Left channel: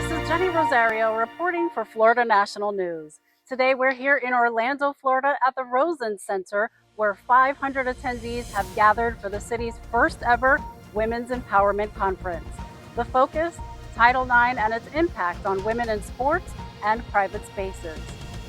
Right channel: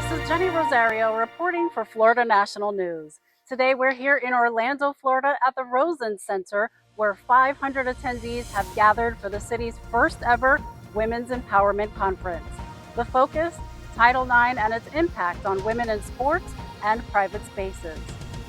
This is Jenny Rosario reporting for Florida National News. Today we're here in Orlando, Florida at the Rosen Center, where 500 attendees have gathered for the city's first ever Women's Empowerment Conference. The focus, Title IX and its impact on women in sports and private spaces.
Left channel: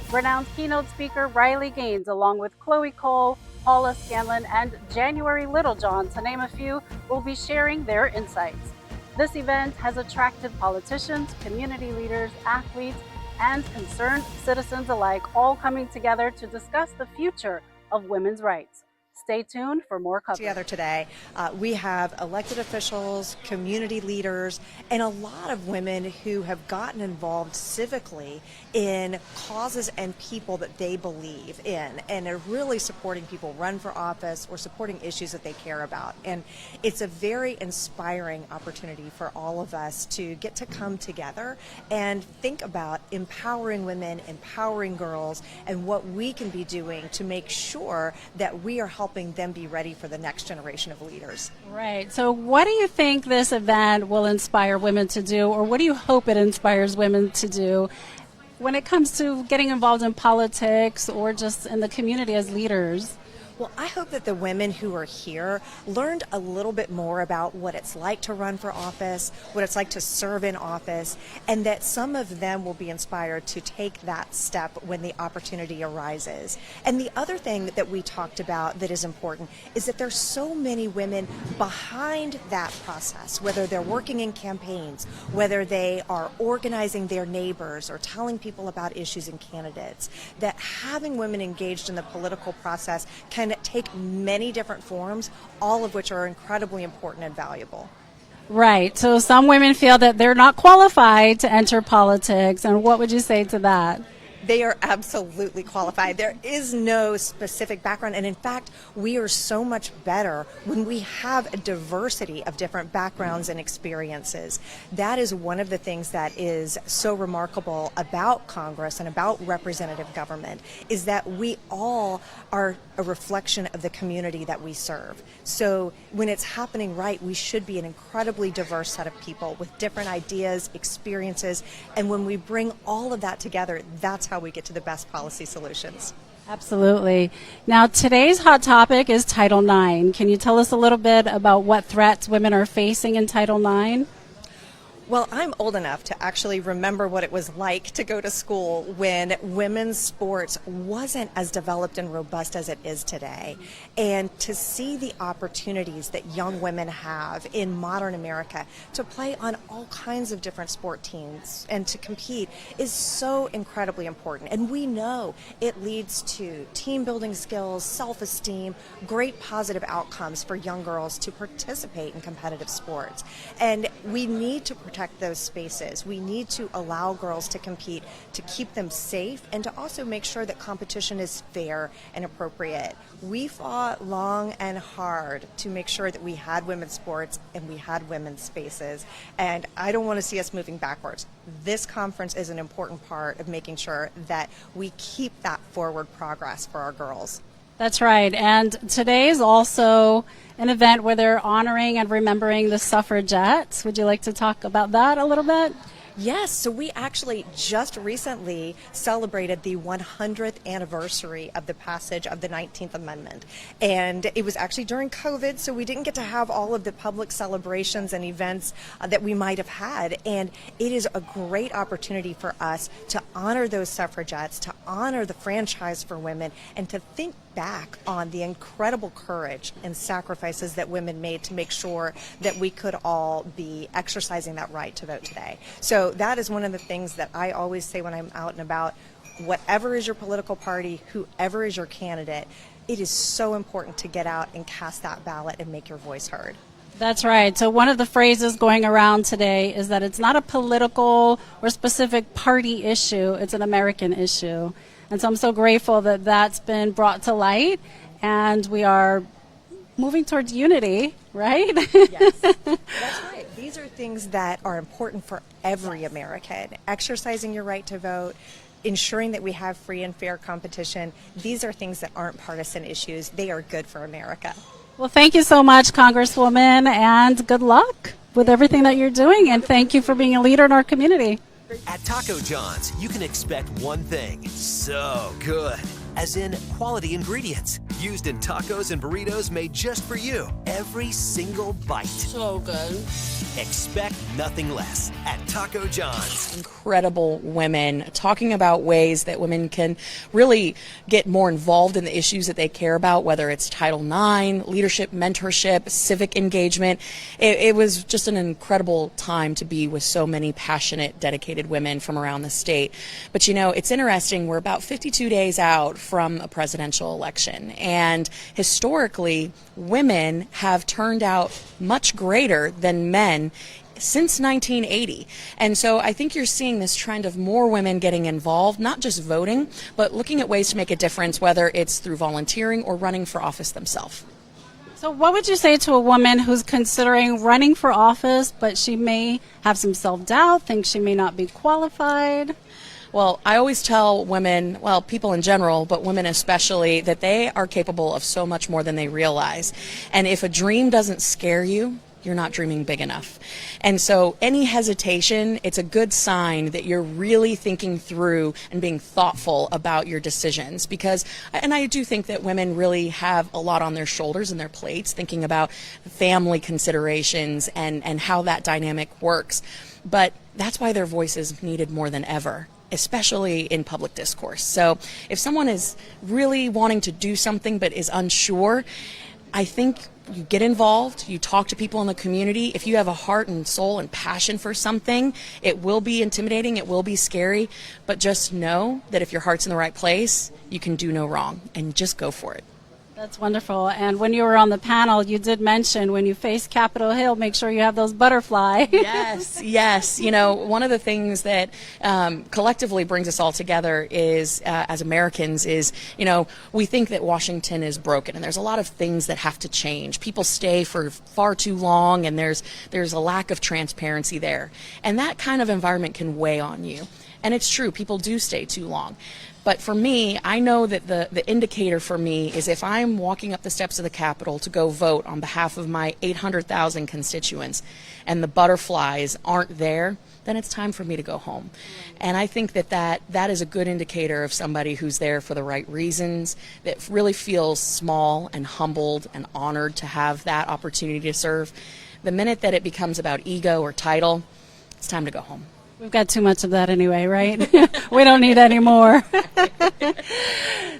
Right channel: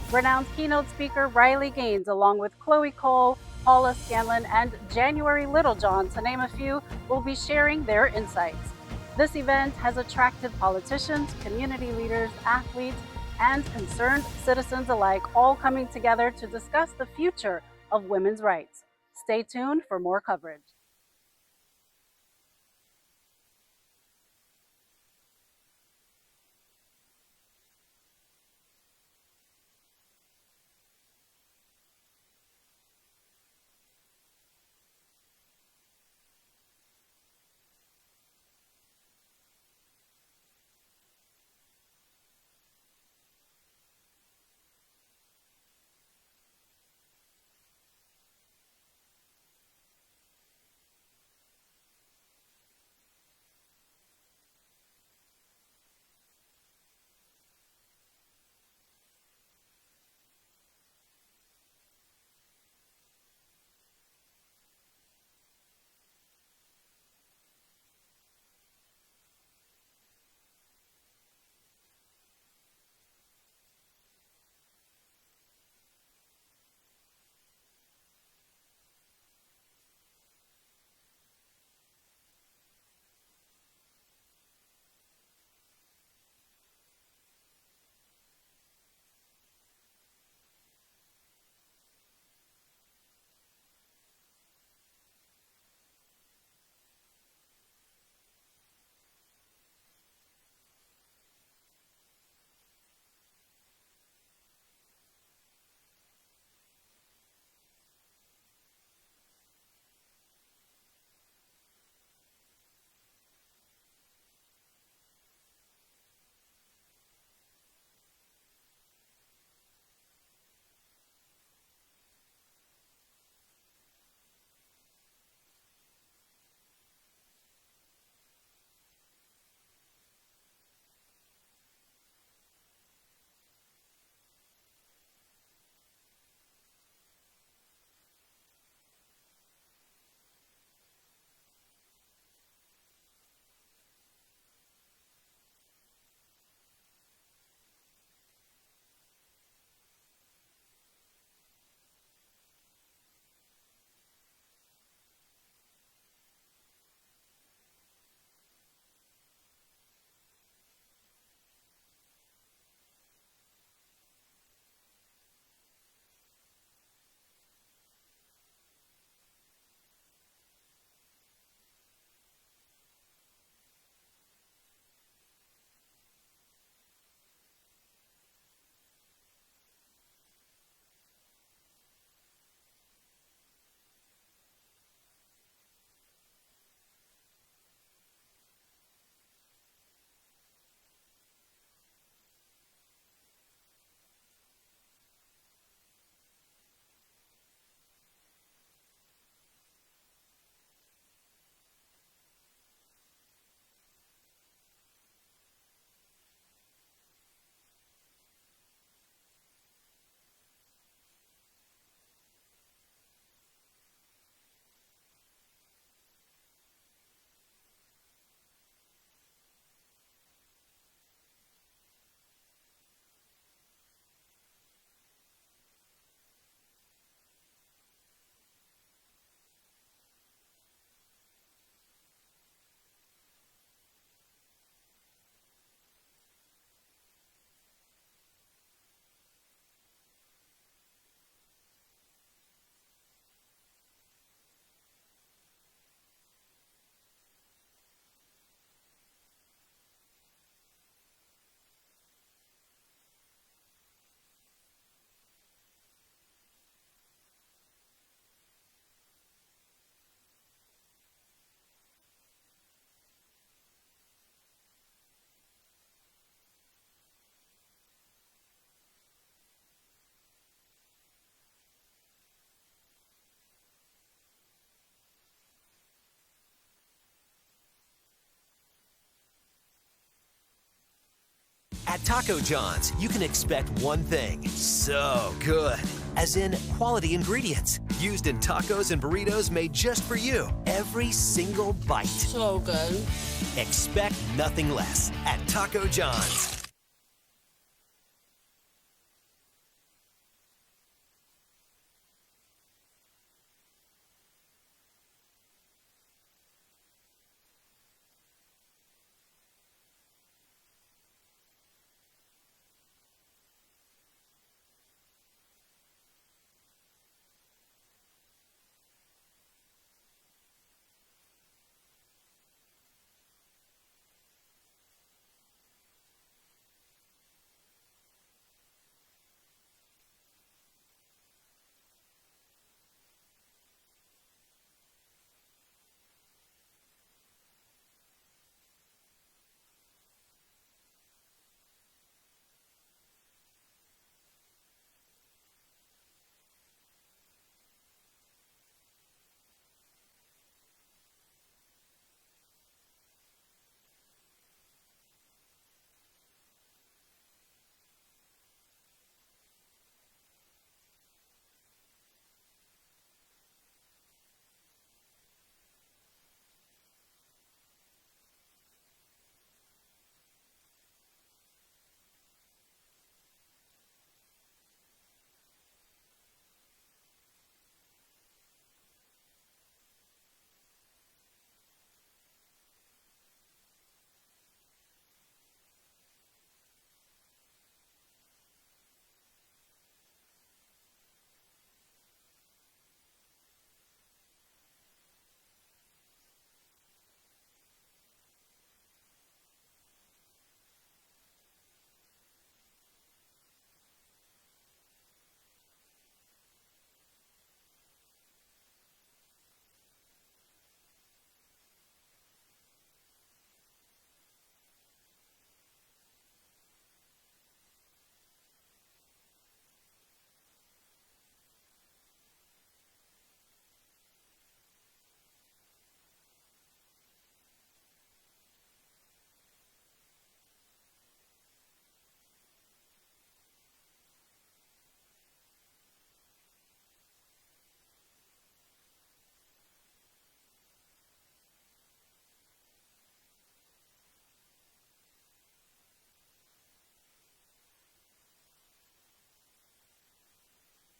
Renowned keynote speaker Riley Gaines, along with Chloe Cole, Paula Scanlon, and January Littlejohn, to name a few, will be sharing their insights. This event has attracted politicians, community leaders, athletes, and concerned citizens alike, all coming together to discuss the future of women's rights. Stay tuned for more coverage. Together today, we have elected officials, community leaders, and a lot of women who have gotten involved civically in causes and people that they believe in, and are really supporting people run for office or supporting issues that they care about. And it's a very inspiring opportunity for all of us to get to come together and think about empowering women, empowering girls, and what we can be doing to make sure that we are helping them be ready for the next generation of leaders. Right. So what do you think this event will inspire women to do, or what do you hope it inspires women to do when it comes to getting involved in politics or just in the community as leaders? Well, I hope that the women who are here learned a little bit more about what it's like to run for office, what it's like to serve in office, and that some of them will be inspired to take that step when the opportunity arises. And the other thing that we talked about that is important is that there's so many women behind that process, whether they're working in campaigns, whether they are organizing their neighbors or telling people about issues and candidates, that having women engaged in the political process can take many different forms, all of which are incredibly important and valuable. Right. So some women feel that they're not qualified to enter politics. And what would you say to that? They are absolutely qualified. There is no specific background. And in fact, we are so much better when we have a diversity of different backgrounds and experiences. That is one of the things that is so remarkable about Congress and about representative government, is that we all are a reflection of the community that we serve. So when it's happening right, we should be an incredibly diverse set of people with different ideas, experiences, and when we bring all of that together, that's how we get to the best policy solutions. Absolutely. Now, today's hot topic is Title IX. Can you tell us a little bit about what threats women are facing in Title IX? Well, I'm old enough to actually remember what it was like to go to school when women's sports wasn't as developed and robust as it is today. And to see the opportunities that young women have in modern America to play on all kinds of different sport teams and to compete is so incredibly important. And we know it leads to team building skills, self-esteem, great positive outcomes for young girls to participate in competitive sports. And we need to protect those spaces. We need to allow girls to compete, to keep them safe, and to also make sure that competition is fair and appropriate. We fought long and hard to make sure that we had women's sports and we had women's spaces, and I don't want to see us moving backwards. This conference is an important part of making sure that we keep that forward progress for our girls. That's right. And today is also an event where they're honoring and remembering the suffragettes. Would you like to talk about that a little bit? Yes, so we actually just recently celebrated the 100th anniversary of the passage of the 19th Amendment. And it was actually during COVID, so we didn't get to have all of the public celebrations and events that we might have had. And it is a great opportunity for us to honor those suffragettes, to honor the franchise for women, and to think back on the incredible courage and sacrifices that women made to make sure that we could all be exercising that right to vote today. So that is one of the things that I always say when I'm out and about. Whatever is your political party, whoever is your candidate, it is so important to get out and cast that ballot and make your voice heard. That's right. So one of the phrases going around today is that it's not a political or specific party issue, it's an American issue. And so I'm so grateful that that's been brought to light, and we are moving towards unity, right? Yes, that's right. These are things that are important for every American. Exercising your right to vote, ensuring that we have free and fair competition. These are things that aren't partisan issues. They are good for America. Well, thank you so much, Congresswoman, and good luck. with everything that you're doing, and thank you for being a leader in our community. At Taco John's, you can expect one thing: so good. As in quality ingredients used in tacos and burritos made just for you. Every single bite. So good. Expect nothing less at Taco John's. Incredible women talking about ways that women can really get more involved in the issues that they care about, whether it's Title IX, leadership, mentorship, civic engagement. It was just an incredible time to be with so many passionate, dedicated women from around the state. But you know, it's interesting, we're about 52 days out from a presidential election, and historically, women have turned out much greater than men since 1980. And so I think you're seeing this trend of more women getting involved, not just voting, but looking at ways to make a difference, whether it's through volunteering or running for office themselves. So what would you say to a woman who's considering running for office, but she may have some self-doubt, thinks she may not be qualified? Well, I always tell women, well, people in general, but women especially, that they are capable of so much more than they realize. And if a dream doesn't scare you, you're not dreaming big enough. And so any hesitation, it's a good sign that you're really thinking through and being thoughtful about your decisions. Because, and I do think that women really have a lot on their shoulders and their plates, thinking about family considerations and how that dynamic works. But that's why their voice is needed more than ever, especially in public discourse. So if someone is really wanting to do something but is unsure, I think you get involved, you talk to people in the community. If you have a heart and soul and passion for something, it will be intimidating, it will be scary, but just know that if your heart's in the right place, you can do no wrong, and just go for it. That's wonderful. And when you were on the panel, you did mention when you face Capitol Hill, make sure you have those butterflies. Yes, yes. You know, one of the things that collectively brings us all together is, as Americans, is, you know, we think that Washington is broken, and there's a lot of things that have to change. People stay for far too long, and there's a lack of transparency there. And that kind of environment can weigh on you. And it's true, people do stay too long. But for me, I know that the indicator for me is if I'm walking up the steps of the Capitol to go vote on behalf of my 800,000 constituents and the butterflies aren't there, then it's time for me to go home. And I think that is a good indicator of somebody who's there for the right reasons, that really feels small and humbled and honored to have that opportunity to serve. The minute that it becomes about ego or title, it's time to go home. We've got too much of that anyway, right? We don't need any more.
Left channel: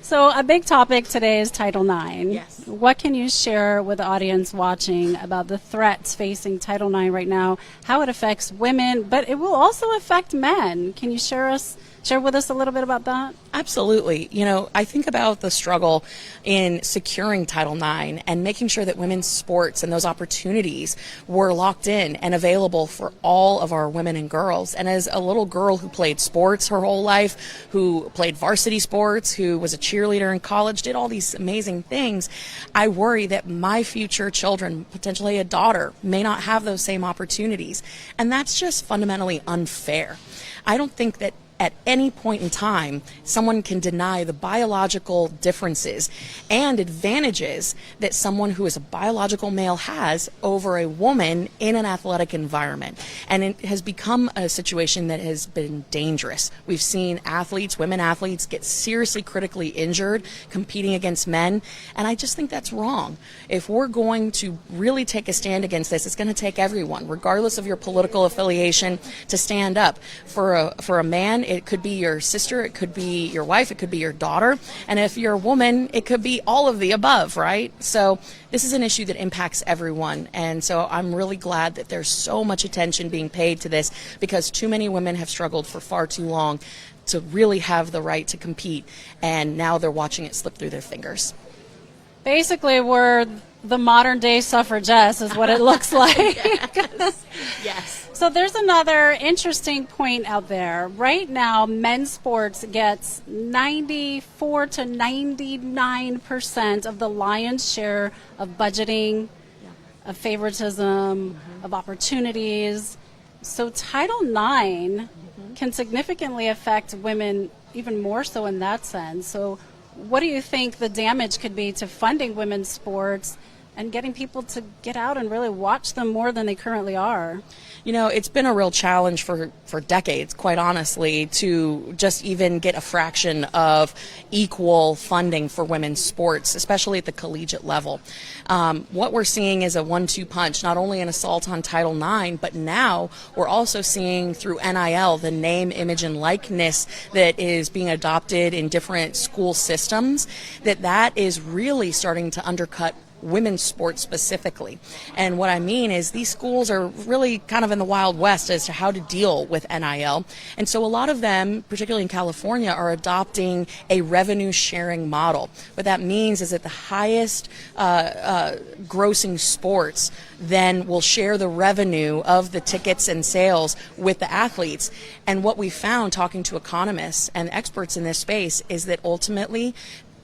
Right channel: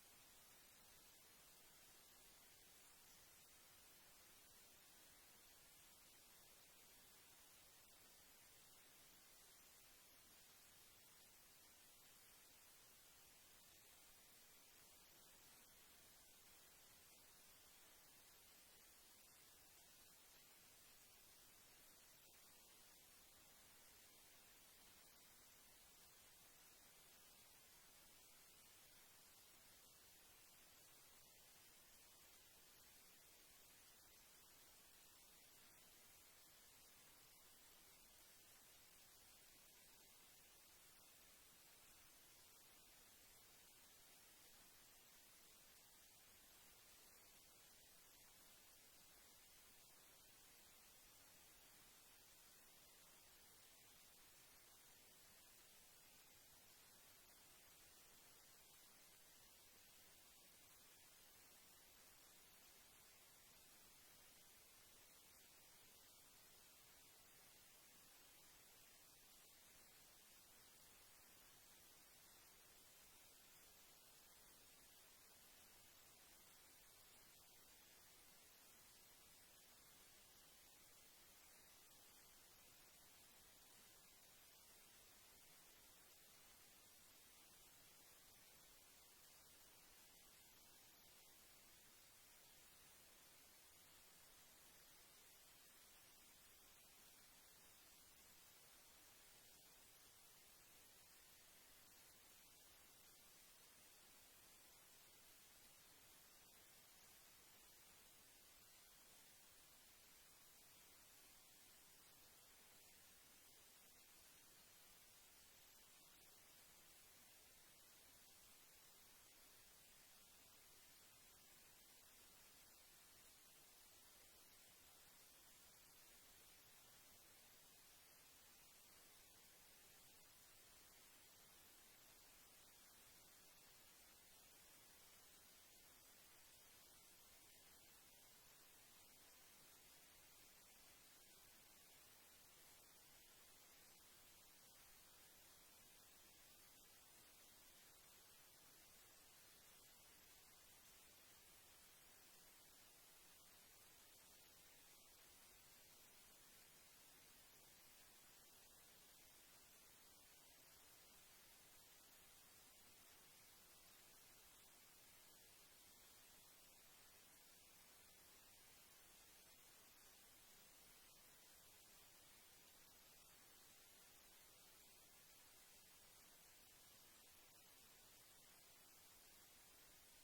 So a big topic today is Title IX. Yes. What can you share with the audience watching about the threats facing Title IX right now, how it affects women, but it will also affect men? Can you share with us a little bit about that? Absolutely. You know, I think about the struggle in securing Title IX and making sure that women's sports and those opportunities were locked in and available for all of our women and girls. And as a little girl who played sports her whole life, who played varsity sports, who was a cheerleader in college, did all these amazing things, I worry that my future children, potentially a daughter, may not have those same opportunities. And that's just fundamentally unfair. I don't think that at any point in time, someone can deny the biological differences and advantages that someone who is a biological male has over a woman in an athletic environment. And it has become a situation that has been dangerous. We've seen athletes, women athletes, get seriously critically injured competing against men, and I just think that's wrong. If we're going to really take a stand against this, it's going to take everyone, regardless of your political affiliation, to stand up. For a man, it could be your sister, it could be your wife, it could be your daughter. And if you're a woman, it could be all of the above, right? So this is an issue that impacts everyone. And so I'm really glad that there's so much attention being paid to this, because too many women have struggled for far too long to really have the right to compete. And now they're watching it slip through their fingers. Basically, we're the modern day suffragettes is what it looks like. Yes. Yes. So there's another interesting point out there. Right now, men's sports gets 94 to 99% of the lion's share of budgeting, of favoritism, of opportunities. So Title IX can significantly affect women even more so in that sense. So what do you think the damage could be to funding women's sports and getting people to get out and really watch them more than they currently are? You know, it's been a real challenge for decades, quite honestly, to just even get a fraction of equal funding for women's sports, especially at the collegiate level. What we're seeing is a 1-2 punch, not only an assault on Title IX, but now we're also seeing through NIL, the name, image, and likeness that is being adopted in different school systems, that is really starting to undercut women's sports specifically. And what I mean is these schools are really kind of in the Wild West as to how to deal with NIL. And so a lot of them, particularly in California, are adopting a revenue sharing model. What that means is that the highest grossing sports then will share the revenue of the tickets and sales with the athletes. And what we found talking to economists and experts in this space is that ultimately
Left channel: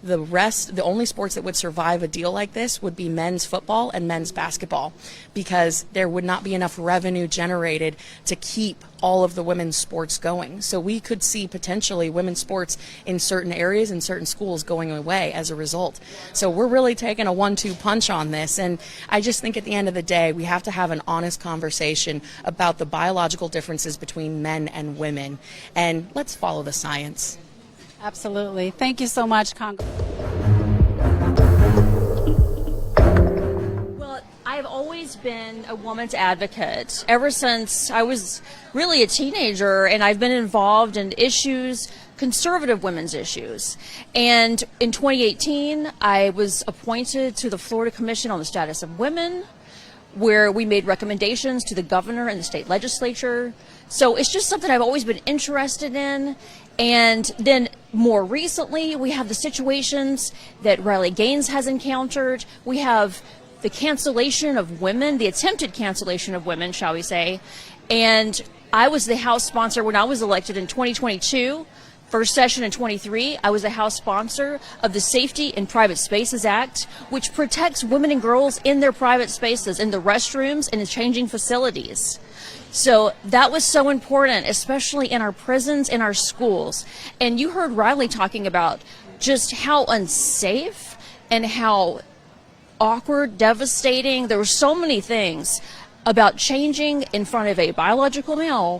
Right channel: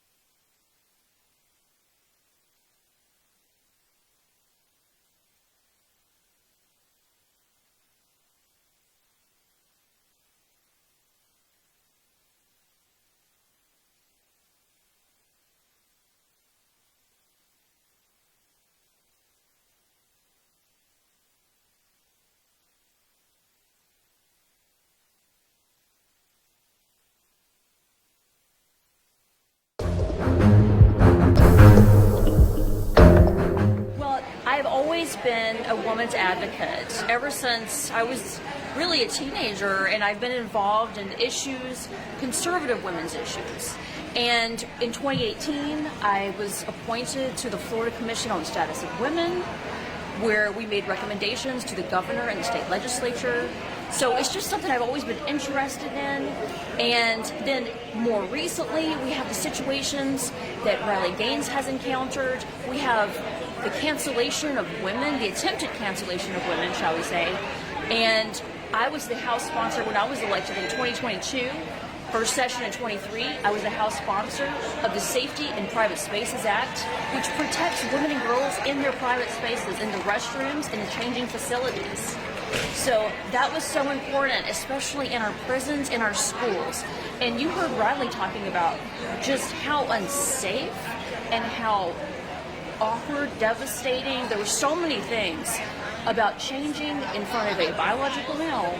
the only sports that would survive a deal like this would be men's football and men's basketball, because there would not be enough revenue generated to keep all of the women's sports going. So we could see potentially women's sports in certain areas and certain schools going away as a result. So we're really taking a 1-2 punch on this. And I just think at the end of the day, we have to have an honest conversation about the biological differences between men and women. And let's follow the science. Absolutely. Thank you so much, Congress. Well, I've always been a woman's advocate ever since I was really a teenager, and I've been involved in issues, conservative women's issues. And in 2018, I was appointed to the Florida Commission on the Status of Women, where we made recommendations to the governor and the state legislature. So it's just something I've always been interested in. And then more recently, we have the situations that Riley Gaines has encountered. We have the cancellation of women, the attempted cancellation of women, shall we say. And I was the House sponsor when I was elected in 2022. First session in 23, I was the House sponsor of the Safety in Private Spaces Act, which protects women and girls in their private spaces, in the restrooms, in the changing facilities. So that was so important, especially in our prisons, in our schools. And you heard Riley talking about just how unsafe and how awkward, devastating. There were so many things about changing in front of a biological male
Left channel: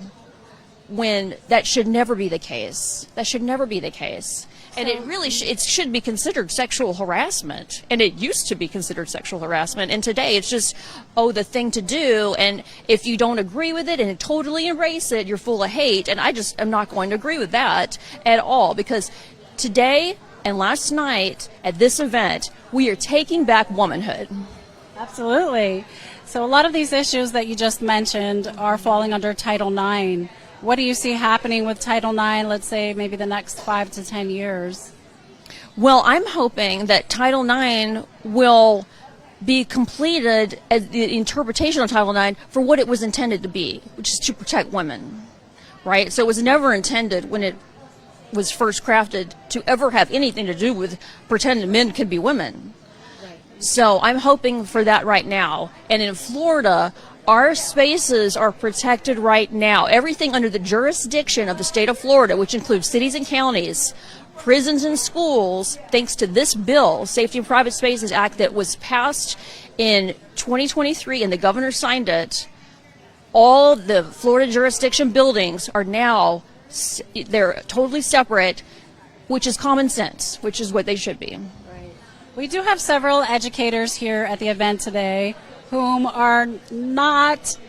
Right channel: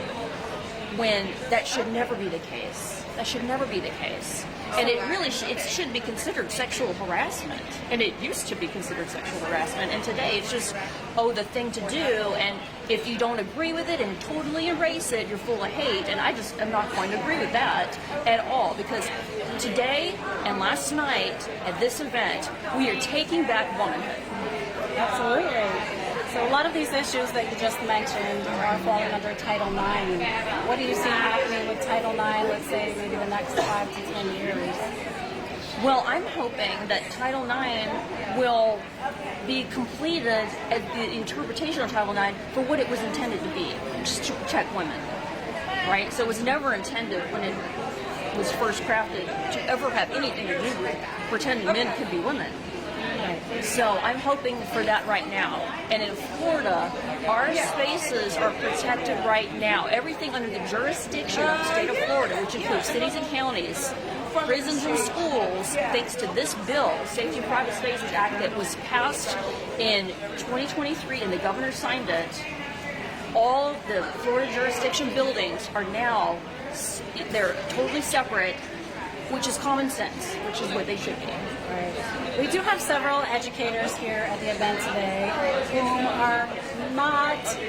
when that should never be the case. That should never be the case. And it really it should be considered sexual harassment. And it used to be considered sexual harassment. And today it's just, the thing to do. And if you don't agree with it and totally erase it, you're full of hate. And I just am not going to agree with that at all. Because today and last night at this event, we are taking back womanhood. Absolutely. So a lot of these issues that you just mentioned are falling under Title IX. What do you see happening with Title IX, let's say maybe the next 5 to 10 years? Well, I'm hoping that Title IX will be completed as the interpretation of Title IX for what it was intended to be, which is to protect women, right? So it was never intended when it was first crafted to ever have anything to do with pretending men can be women. So I'm hoping for that right now. And in Florida, our spaces are protected right now. Everything under the jurisdiction of the state of Florida, which includes cities and counties, prisons and schools, thanks to this bill, Safety in Private Spaces Act, that was passed in 2023 and the governor signed it, all the Florida jurisdiction buildings are now, they're totally separate, which is common sense, which is what they should be. We do have several educators here at the event today whom are not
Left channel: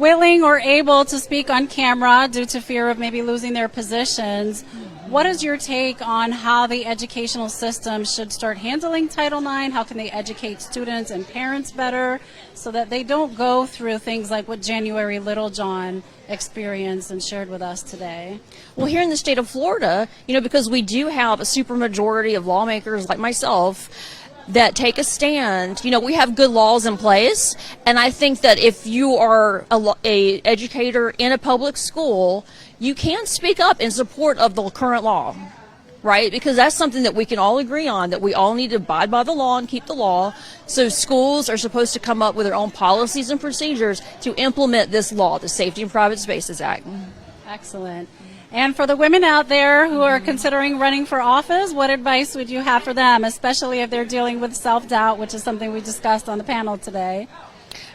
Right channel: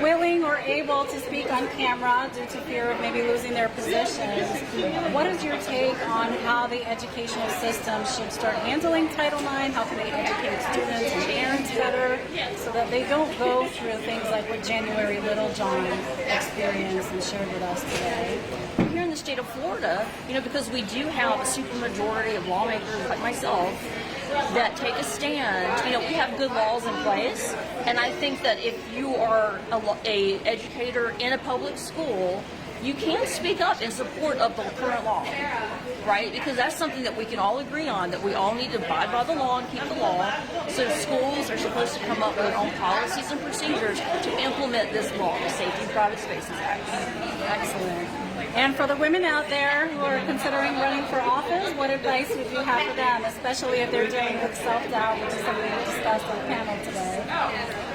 willing or able to speak on camera due to fear of maybe losing their positions. What is your take on how the educational system should start handling Title IX? How can they educate students and parents better so that they don't go through things like what January Littlejohn experienced and shared with us today? Well, here in the state of Florida, because we do have a supermajority of lawmakers like myself that take a stand, we have good laws in place. And I think that if you are a educator in a public school, you can speak up in support of the current law, right? Because that's something that we can all agree on, that we all need to abide by the law and keep the law. So schools are supposed to come up with their own policies and procedures to implement this law, the Safety in Private Spaces Act. Excellent. And for the women out there who are considering running for office, what advice would you have for them, especially if they're dealing with self-doubt, which is something we discussed on the panel today?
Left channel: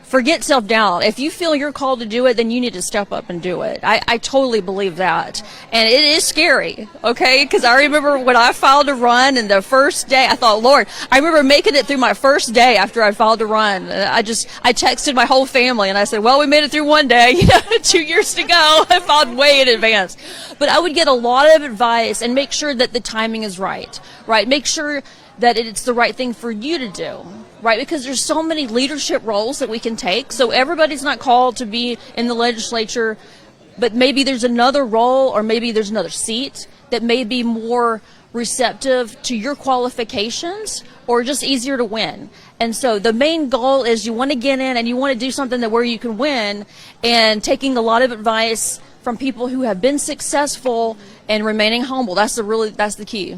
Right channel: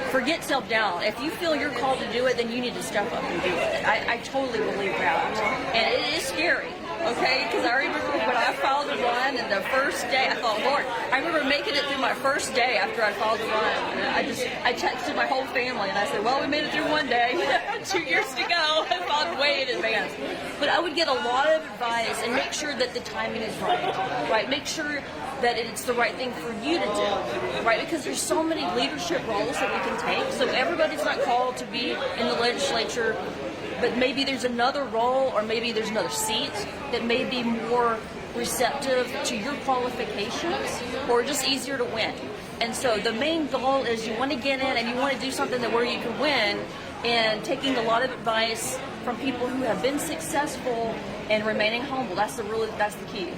Forget self-doubt. If you feel you're called to do it, then you need to step up and do it. I totally believe that. And it is scary, okay? Because I remember when I filed to run, and the first day, I thought, Lord, I remember making it through my first day after I filed to run. I texted my whole family, and I said, well, we made it through one day, 2 years to go. I filed way in advance. But I would get a lot of advice and make sure that the timing is right? Make sure that it's the right thing for you to do. Right, because there's so many leadership roles that we can take. So everybody's not called to be in the legislature, but maybe there's another role or maybe there's another seat that may be more receptive to your qualifications or just easier to win. And so the main goal is you want to get in and you want to do something that where you can win, and taking a lot of advice from people who have been successful and remaining humble. That's the key.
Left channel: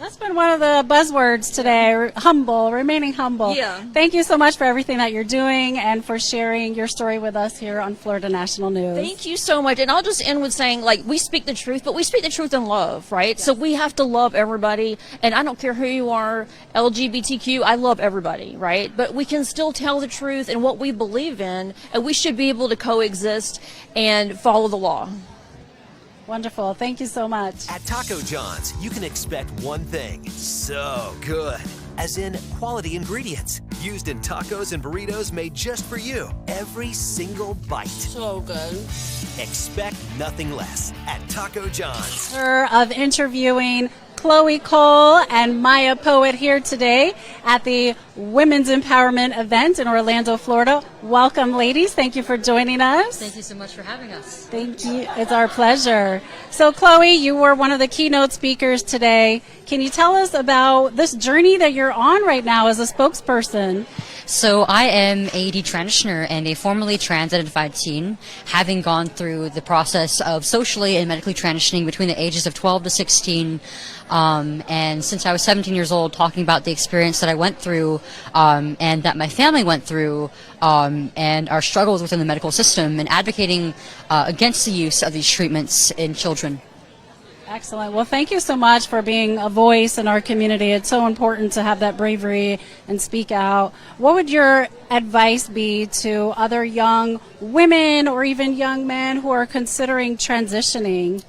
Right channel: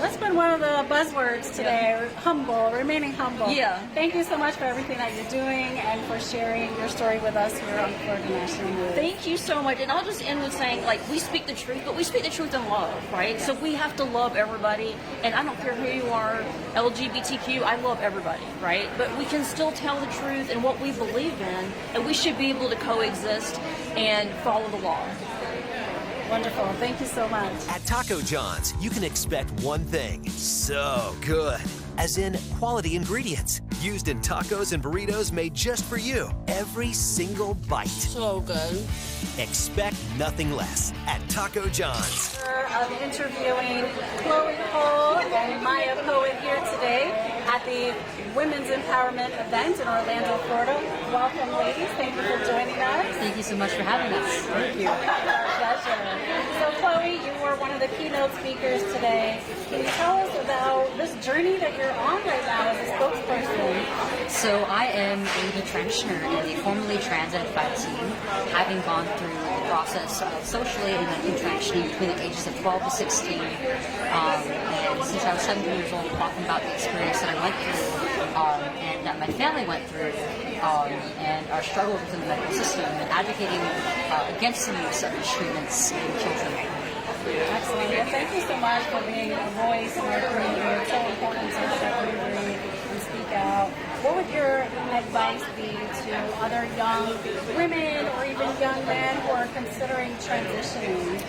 That's been one of the buzzwords today, humble, remaining humble. Yeah. Thank you so much for everything that you're doing and for sharing your story with us here on Florida National News. Thank you so much. And I'll just end with saying, we speak the truth, but we speak the truth in love, right? So we have to love everybody. And I don't care who you are, LGBTQ, I love everybody, right? But we can still tell the truth and what we believe in, and we should be able to coexist and follow the law. Wonderful. Thank you so much. At Taco John's, you can expect one thing: so good. As in quality ingredients used in tacos and burritos made just for you. Every single bite. So good. Expect nothing less at Taco John's. Of interviewing Chloe Cole and Maya Poet here today at the Women's Empowerment event in Orlando, Florida. Welcome, ladies. Thank you for joining us. Thank you so much for having us. Thank you. It's our pleasure. So, Chloe, you were one of the keynote speakers today. Can you tell us about this journey that you're on right now as a spokesperson? So I am a detransitioner and a formerly trans-identified teen, having gone through the process of socially and medically transitioning between the ages of 12 to 16. And since I was 17 years old, talking about the experience that I went through and that my family went through, and our struggles within the medical system, and advocating against the use of these treatments in children. Excellent. Well, thank you so much for being a voice in our community. It's so important to have that bravery and speak out. What would your advice be to other young women or even young men who are considering transitioning?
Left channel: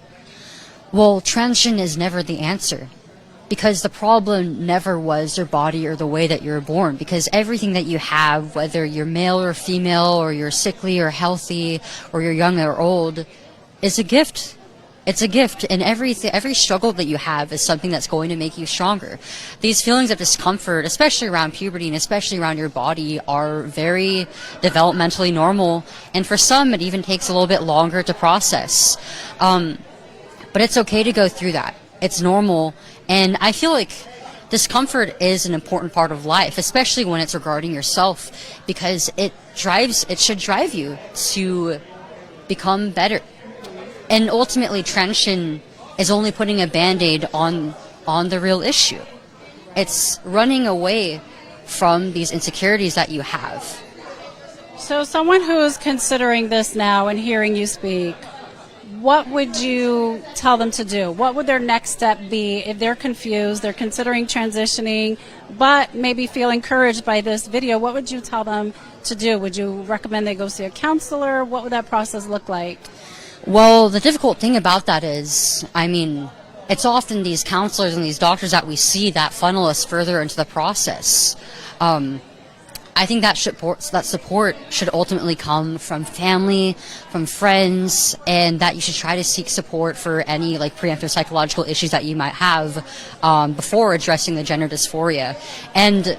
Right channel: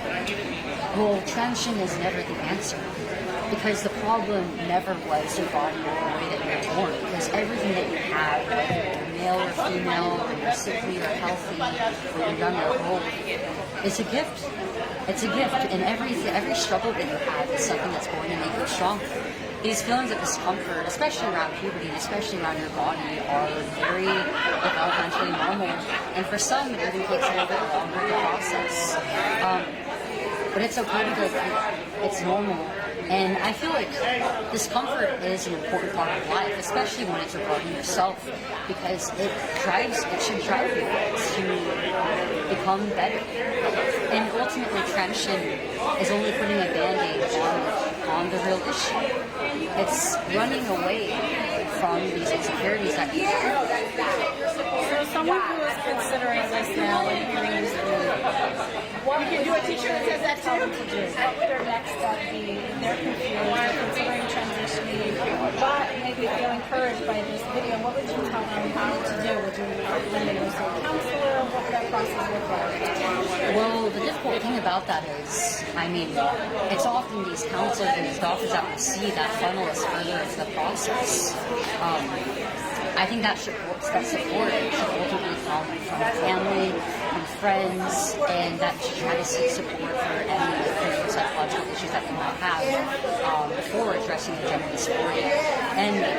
Well, transition is never the answer, because the problem never was your body or the way that you're born, because everything that you have, whether you're male or female, or you're sickly or healthy, or you're young or old, is a gift. It's a gift, and every struggle that you have is something that's going to make you stronger. These feelings of discomfort, especially around puberty and especially around your body, are very developmentally normal, and for some it even takes a little bit longer to process. But it's okay to go through that. It's normal, and I feel like discomfort is an important part of life, especially when it's regarding yourself, because it should drive you to become better. And ultimately, transition is only putting a Band-Aid on the real issue. It's running away from these insecurities that you have. So someone who is considering this now and hearing you speak, what would you tell them to do? What would their next step be if they're confused, they're considering transitioning, but maybe feel encouraged by this video? What would you tell them to do? Would you recommend they go see a counselor? What would that process look like? Well, the difficult thing about that is, it's often these counselors and these doctors that we see that funnel us further into the process. I think that support should ultimately come from family, from friends, and that you should try to seek support for any preemptive psychological issues that you might have before addressing the gender dysphoria. And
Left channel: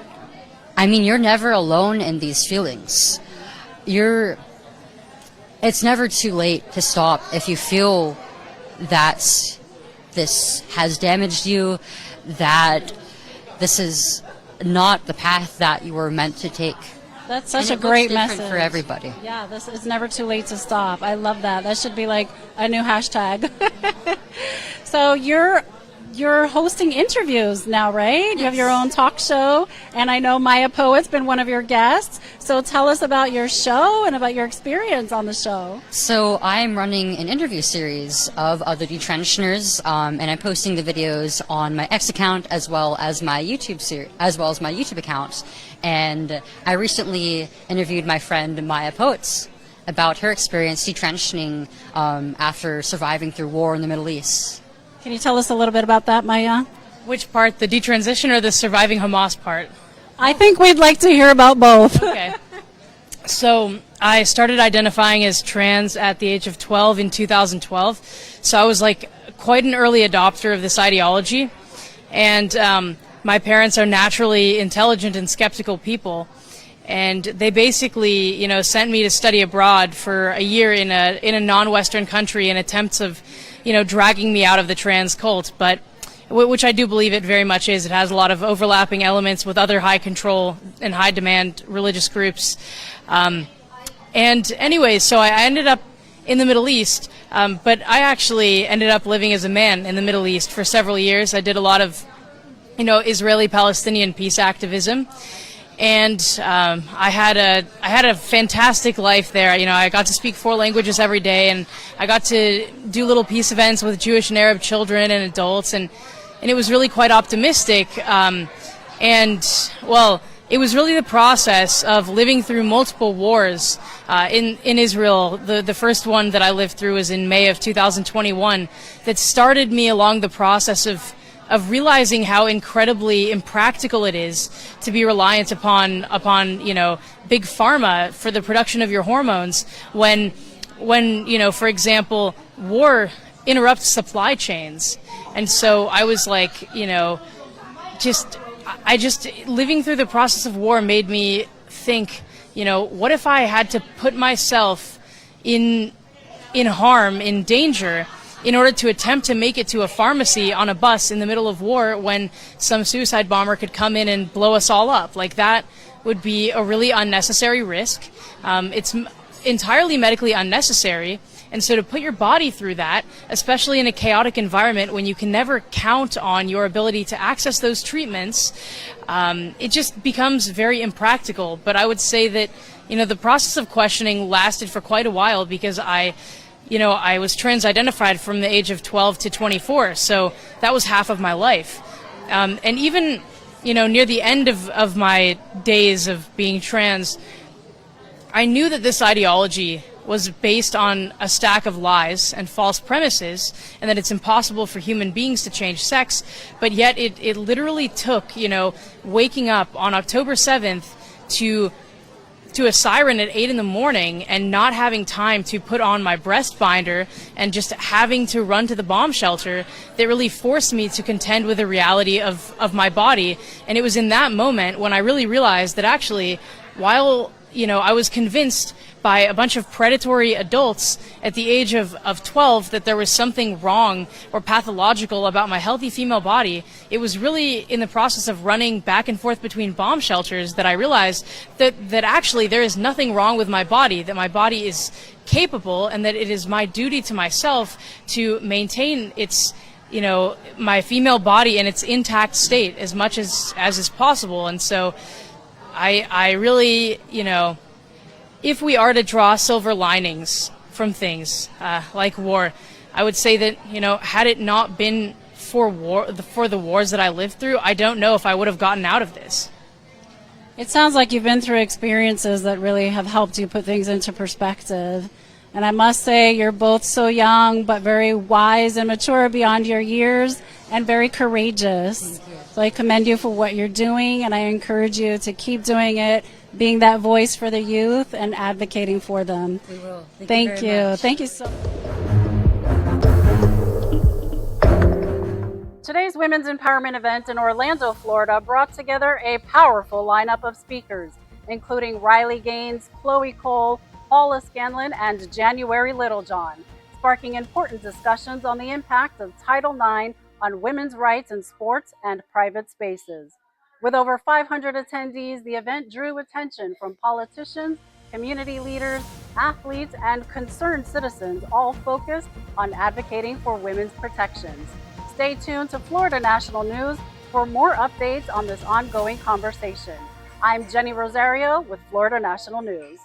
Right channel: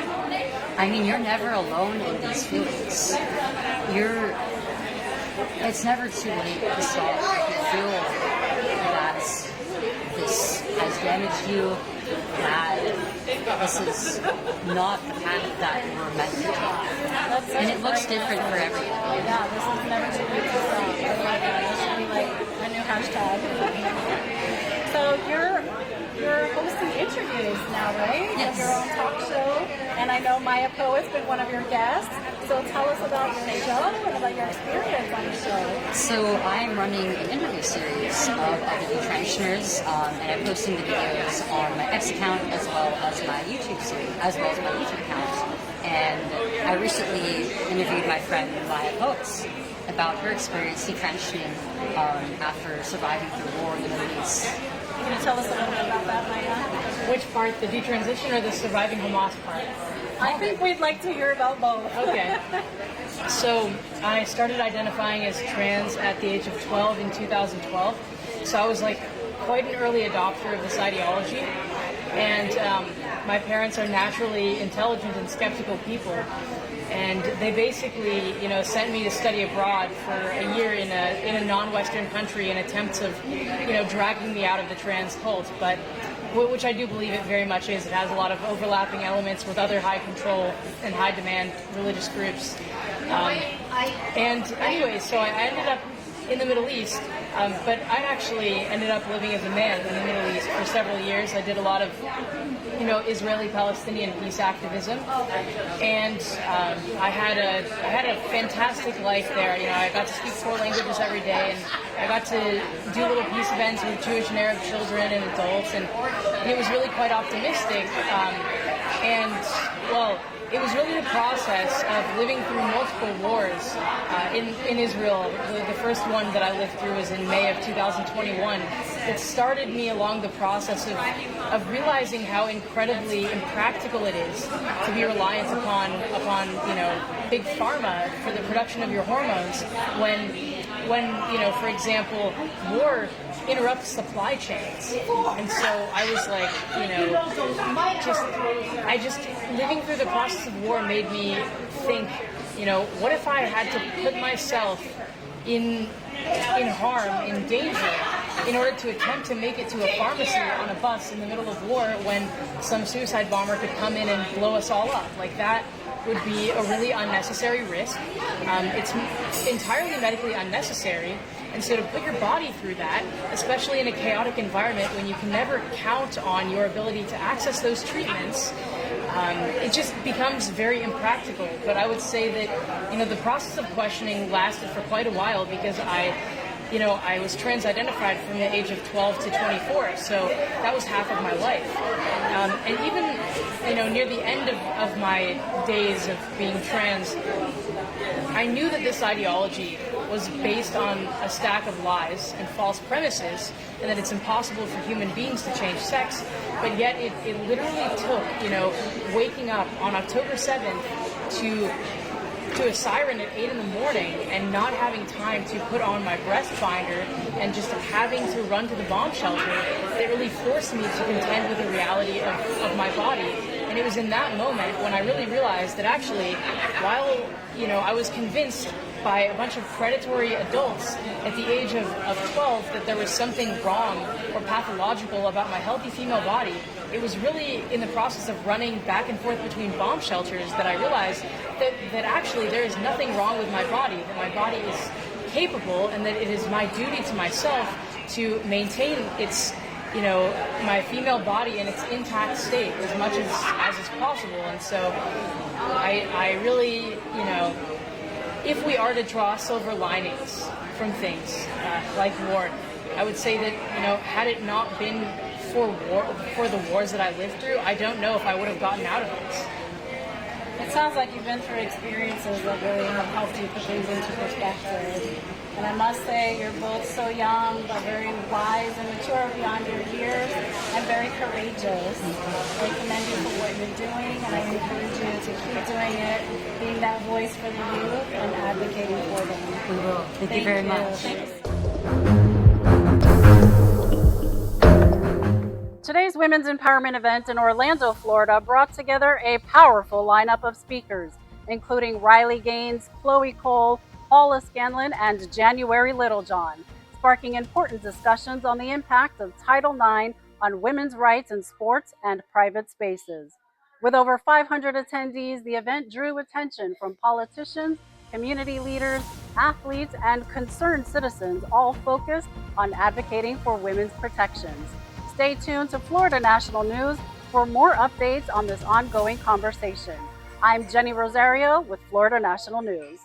you're never alone in these feelings. It's never too late to stop if you feel that this has damaged you, that this is not the path that you were meant to take. That's such a great message for everybody. Yeah, this is never too late to stop. I love that. That should be like a new hashtag. So you're hosting interviews now, right? You have your own talk show, and I know Maya Poet's been one of your guests. So tell us about your show and about your experience on the show. So I am running an interview series of other detransitioners, and I'm posting the videos on my X account as well as my YouTube account. And I recently interviewed my friend Maya Poets about her experience detransitioning after surviving through war in the Middle East. Can you tell us a little bit about that, Maya? Which part, the detransition or the surviving Hamas part? I think we'd like to hear about both. Okay. So I started identifying as trans at the age of 12 in 2012. So I was like quite an early adopter of this ideology. And my parents are naturally intelligent and skeptical people. And they basically, sent me to study abroad for a year in a non-Western country in attempts of, dragging me out of the trans cult. But which I do believe it very much is. It has a lot of overlapping elements with other high control and high demand religious groups. And anyways, so I ended up in the Middle East, but I actually ended up living as a man in the Middle East for several years. I did a lot of, Israeli-Palestinian peace activism. And I had a fantastic life there. I got to speak 4 languages every day, and I got to do little peace events with Jewish and Arab children and adults, and it was really quite optimistic. It was really the process of living through multiple wars in Israel. The first one that I lived through was in May of 2021 that started me along the process of realizing how incredibly impractical it is to be reliant upon big pharma for the production of your hormones when for example, war interrupts supply chains. And so I was like, living through the process of war made me think, what if I had to put myself in harm, in danger, in order to attempt to make it to a pharmacy on a bus in the middle of war when some suicide bomber could come in and blow us all up. Like, that would be a really unnecessary risk. It's entirely medically unnecessary. And so to put your body through that, especially in a chaotic environment when you can never count on your ability to access those treatments, it just becomes very impractical. But I would say that, the process of questioning lasted for quite a while because I was trans-identified from the age of 12 to 24, so that was half of my life. And even, near the end of my days of being trans, I knew that this ideology was based on a stack of lies and false premises, and that it's impossible for human beings to change sex, but yet it literally took, waking up on October 7th to a siren at 8 in the morning and not having time to put on my breast binder and just having to run to the bomb shelter that really forced me to contend with the reality of my body. And it was in that moment when I really realized that actually, while, I was convinced by a bunch of predatory adults at the age of 12 that there was something wrong or pathological about my healthy female body, it was really in the process of running back and forth between bomb shelters that I realized that actually there is nothing wrong with my body, that my body is capable, and that it is my duty to myself to maintain its, my female body in its intact state as much as is possible. And so I really, if we are to draw silver linings from things like war, I would say that, had it not been for the wars that I lived through, I don't know if I would have gotten out of this. It sounds like you've been through experiences that really have helped you put things into perspective. And I must say, you're both so young, but very wise and mature beyond your years, and very courageous. So I commend you for what you're doing, and I encourage you to keep doing it, being that voice for the youth and advocating for them. We will. Thank you. Very much. Thank you so much. Today's Women's Empowerment event in Orlando, Florida brought together a powerful lineup of speakers, including Riley Gaines, Chloe Cole, Paula Scanlon, and January Littlejohn, sparking important discussions on the impact of Title IX on women's rights in sports and private spaces. With over 500 attendees, the event drew attention from politicians, community leaders, athletes, and concerned citizens, all focused on advocating for women's protections. Stay tuned to Florida National News for more updates on this ongoing conversation. I'm Jenny Rosario with Florida National News.